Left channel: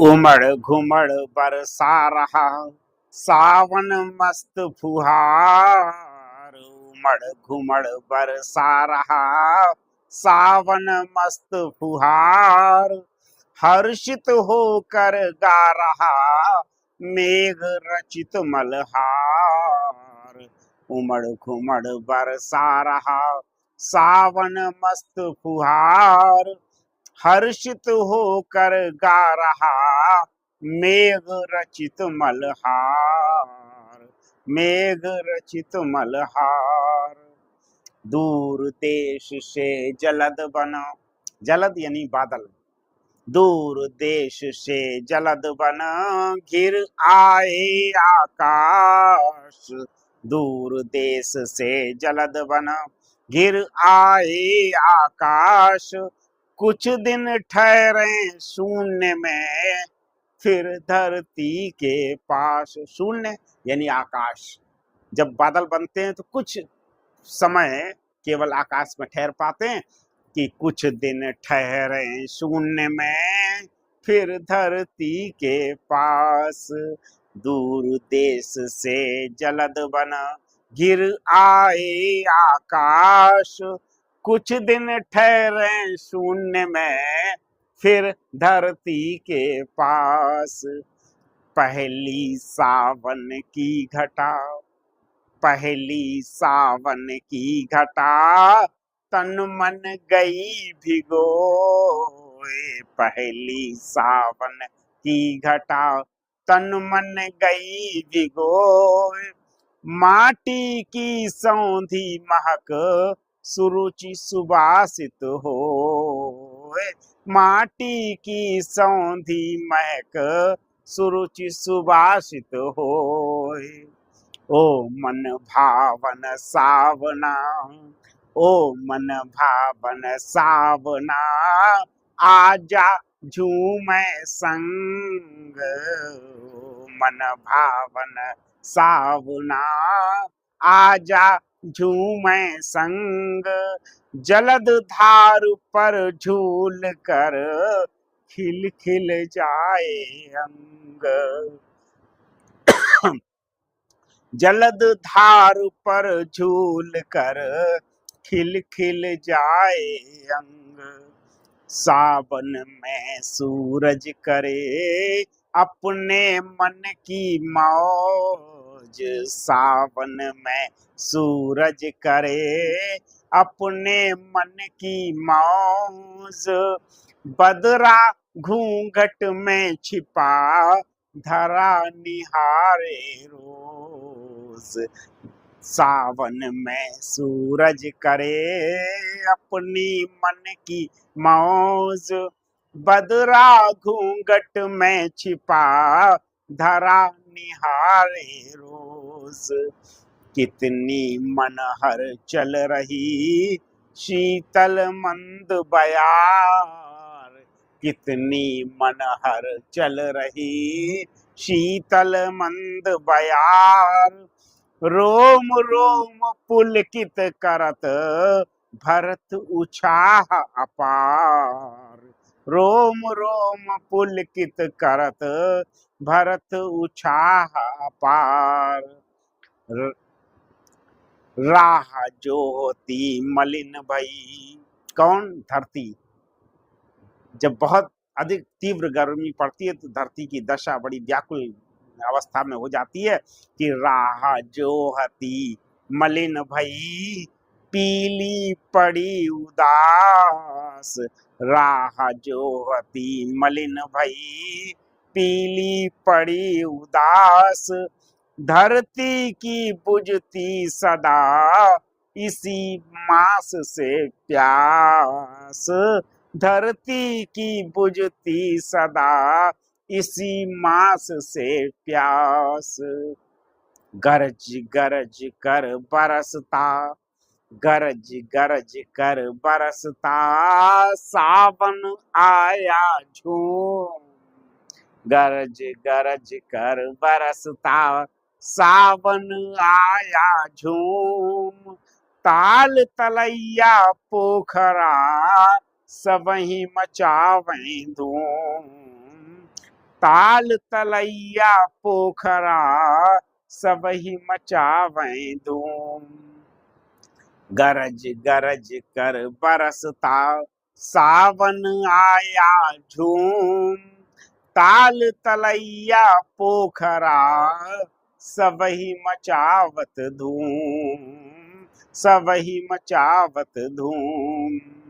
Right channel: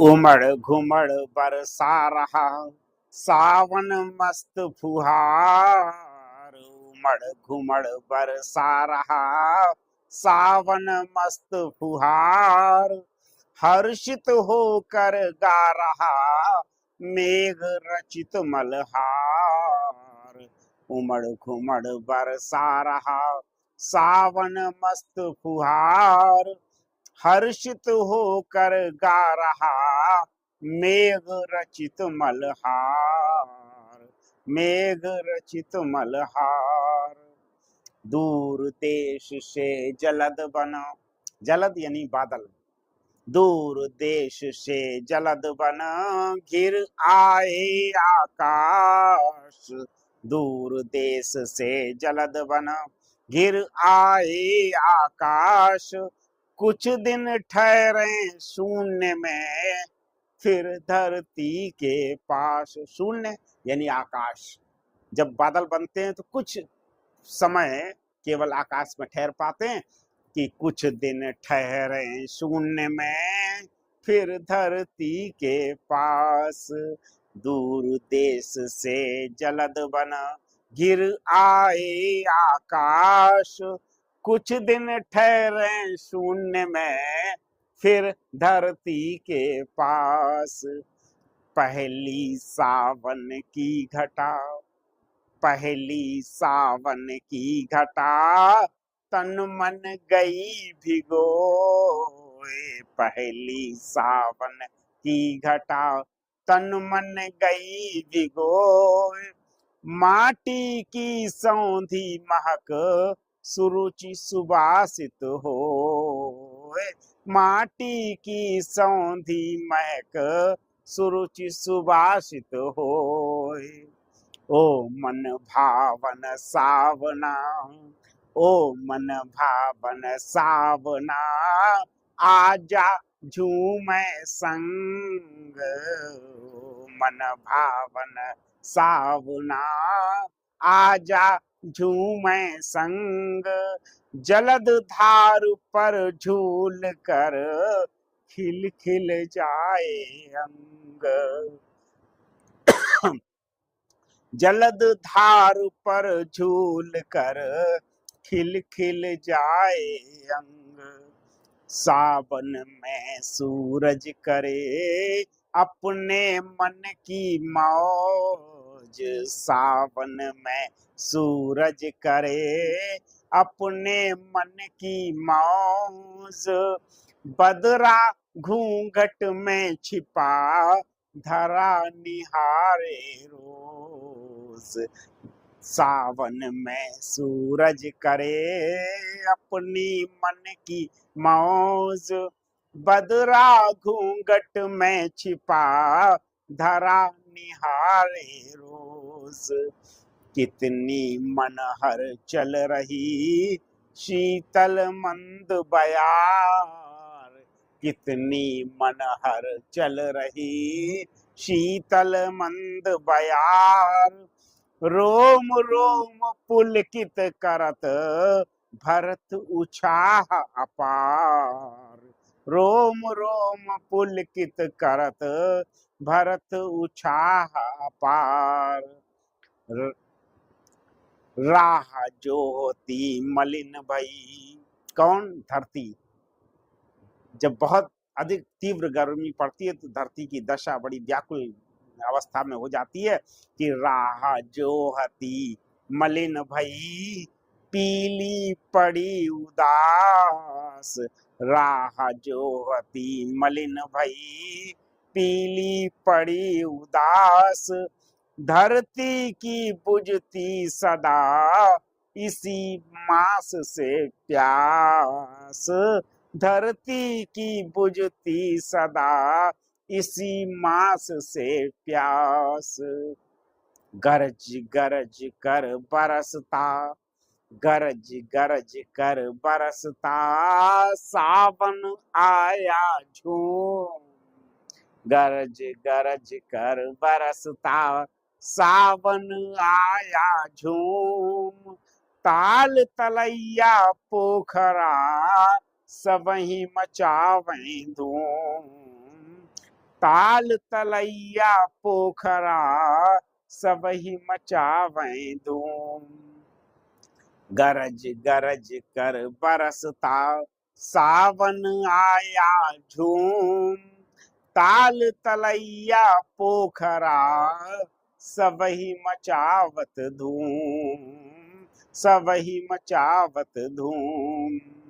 उमड़ घुमड़ बरसा रहा सावन मस्त फुहार। उमड़ घुमड़ बरसा रहा सावन मस्त फुहार। हर्षित होकर गा रहा मेघ रचित मल्हार। उमड़ घुमड़ बरसा रहा सावन मस्त फुहार। हर्षित होकर गा रहा मेघ रचित मल्हार। मेघ रचित मल्हार। दूर देश से जलद बना, जलद यानी बादल, दूर देश से जलद बना घिर आए आकाश। दूर देश से जलद बना घिर आए आकाश। कुछ दिन ठहरे शून्य में फिर धरती के पास। शून्य यानी आकाश। जब बादल बनते हैं तो कुछ समय केवल आकाश में ठहर पाते हैं कि कुछ दिन ठहरे शून्य में फिर धरती के पास। दूर देश से जलद बना गिर आए आकाश। कुछ दिन ठहरे शून्य में फिर धरती के पास। पहली सावन की घटा, पहली सावन की घटा तन मन गई भिगोए। पहली सावन की घटा तन मन गई भिगोए। माटी की सौंधी महक सुरुचि सुबासित होए। माटी की सौंधी महक सुरुचि सुबासित होए। ओ मन भावन सावना, ओ मन भावन सावना आजा झूमे संग। मन भावन सावना आजा झूमे संग। जलद धार पर झूल कर खिल खिल जाए अंग। जलद धार पर झूल कर खिल खिल जाए अंग। सावन में सूरज करे अपने मन की मौज। सावन में सूरज करे अपने मन की मौज। बदरा घूंघट में छिपा धरा निहारे रोज। सावन में सूरज करे अपनी मन की मौज। बदरा घूंघट में छिपा धरा निहारे रोज। कितनी मनहर चल रही शीतल मंद बयार। कितनी मनहर चल रही शीतल मंद बयार। रोम रोम पुलकित करत भरत उछाह अपार। रोम रोम पुलकित करत भरत उछाह अपार। राह जो होती मलिन भई, कौन? धरती। जब बहुत अधिक तीव्र गर्मी पड़ती है तो धरती की दशा बड़ी व्याकुल अवस्था में हो जाती है कि राह जो हती मलिन भई पीली पड़ी उदास। राह जो हती मलिन भई पीली पड़ी उदास। धरती की बुझती सदा इसी मास से प्यास। धरती की बुझती सदा इसी मास से प्यास। गरज गरज कर बरसता, गरज गरज कर बरसता सावन आया झूम। गरज गरज कर बरसता सावन आया झूम। ताल तलैया पोखरा सबही मचावें धूम। ताल तलैया पोखरा सबही मचावे धूम। गरज गरज कर बरसता सावन आया झूम। ताल तलैया पोखरा सबही मचावत धूम, सबही मचावत धूम।